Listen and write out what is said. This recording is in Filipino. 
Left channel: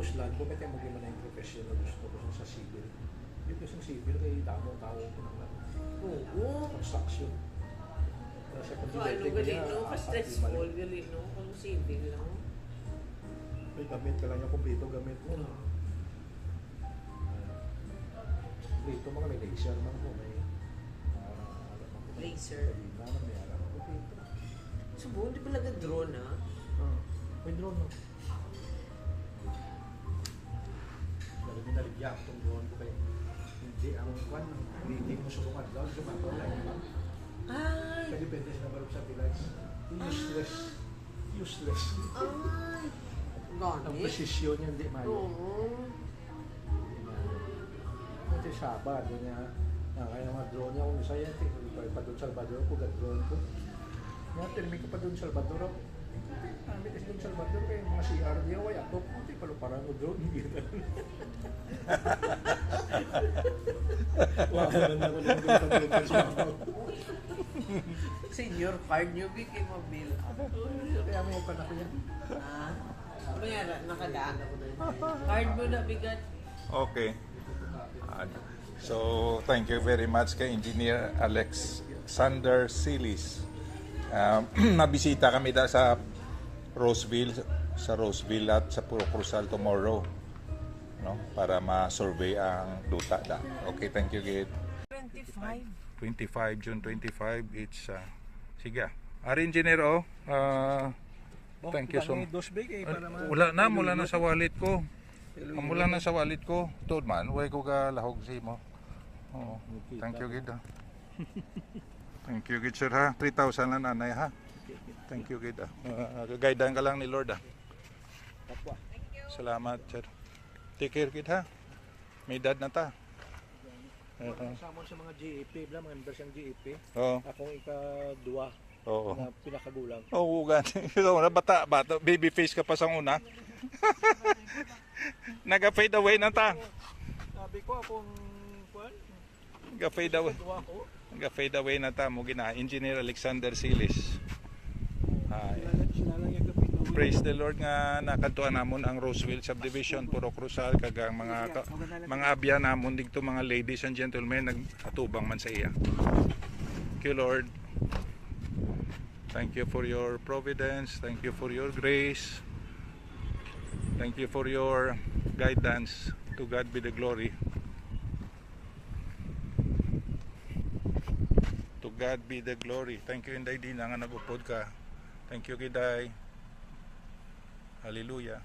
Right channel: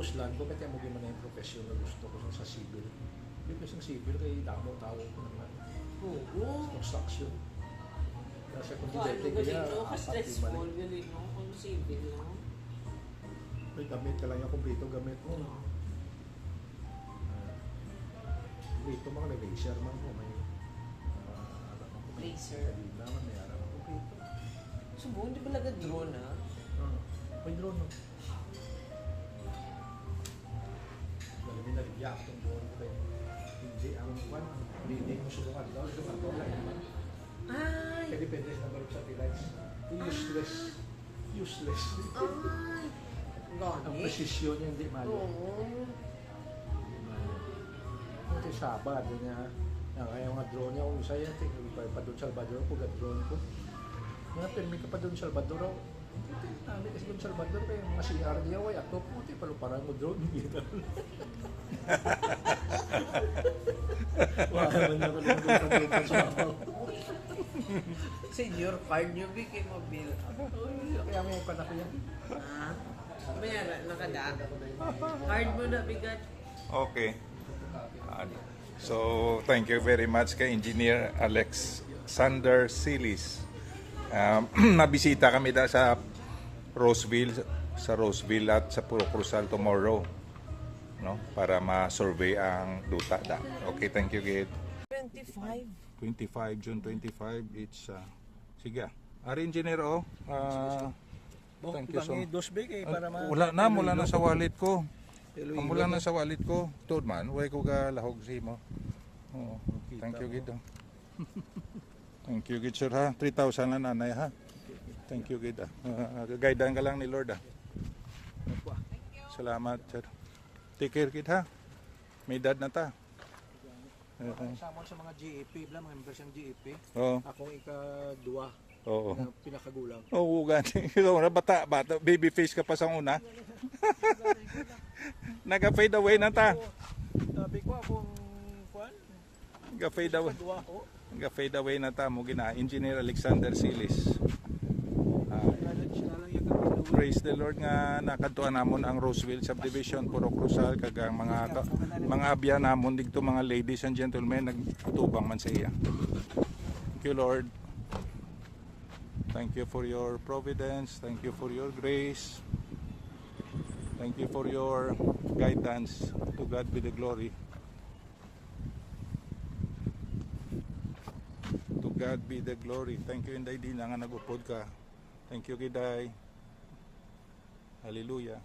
Kuslan ko, kaya mo gano'n na yung professional gusto ko sa civil. Hindi ko sa civil, kaya tao ko naman. Oo. Construction. Nasa Paano galing, no? Ka-stressful, galing, no? Kung civil, no? May gamit ka lang yung kumpleto gamit mo. Dito mga laser man ko, may alam ako. Laser. Hindi naman may alam ako kumpleto. Subo, hindi pa nag-drone, ha? May drone no? Dahil binarigya ako itong drone ko kayo. Hindi, ang kwan, hindi mo sulungan daw, lumato lang naman. Ay! Kaya depende sa number of satellites. Useless. Useless. Ay! Ang Gani? precision niya hindi mayo. Oo. Hindi mayo. Ito Sabado niya. Kaya nga drone niya, kung isa yan, pa doon Salvador ko, drone ko. Nga, pirmi ka pa doon Salvador ako. Hindi kasi doon Salvador kayo, mga CR niya, ay ato puti, palo parang mo drone, hindi na. Wala naman ako lang doon pag-drone sa mabaw. Senior card nyo, Vicky, mobile. Kaya may pa na ko yan. Ha? Mayara, nakada. Card mo na, bigat. Okay. So, thank you very much kay Engineer Alexander Silis. Nabisita kami sa Roseville at sa Puro Cruzal tomorrow, no, para ma-survey ang duta da. Okay, thank you, Gid. 25 June 25, it's sige. Ari engineer thank you so much. Wala na sa wallet ko. Mula na sa wallet ko. Tod man, way ko ga lahog si mo. Oo. Thank you, Gid. Thank you, Gid, sir, ha. 3,000 lang, nanay, ha. Thank you, Gid. Gagaydan ka lang ni Lord, ha. Salamat, sir. Take care, Gid, ha. May dad na ta. Samon sa mga GEP, mga members ng GEP. Oo. Akong ika-2 Oo. na pinakagulang. Oo, gani. So, bata, baby face ka pa sa una. Naga-fade away na ta. Sabi ko akong kwan, Naga-fade away. ika-2 ko. Naga-fade away na ta mo gina. Engineer Alexander Silis. Praise the Lord nga nakadtuan namon ang Roseville Subdivision, Puro Cruzal, kagang mga abya namon dito, mga ladies and gentlemen, nagtubang man sa iya. Thank you, Lord. Thank you for your providence. Thank you for your grace. Thank you for your guidance. To God be the glory. To God be the glory. Thank you, Inday, di na nga nag-upod ka. Thank you, Giday. Hallelujah.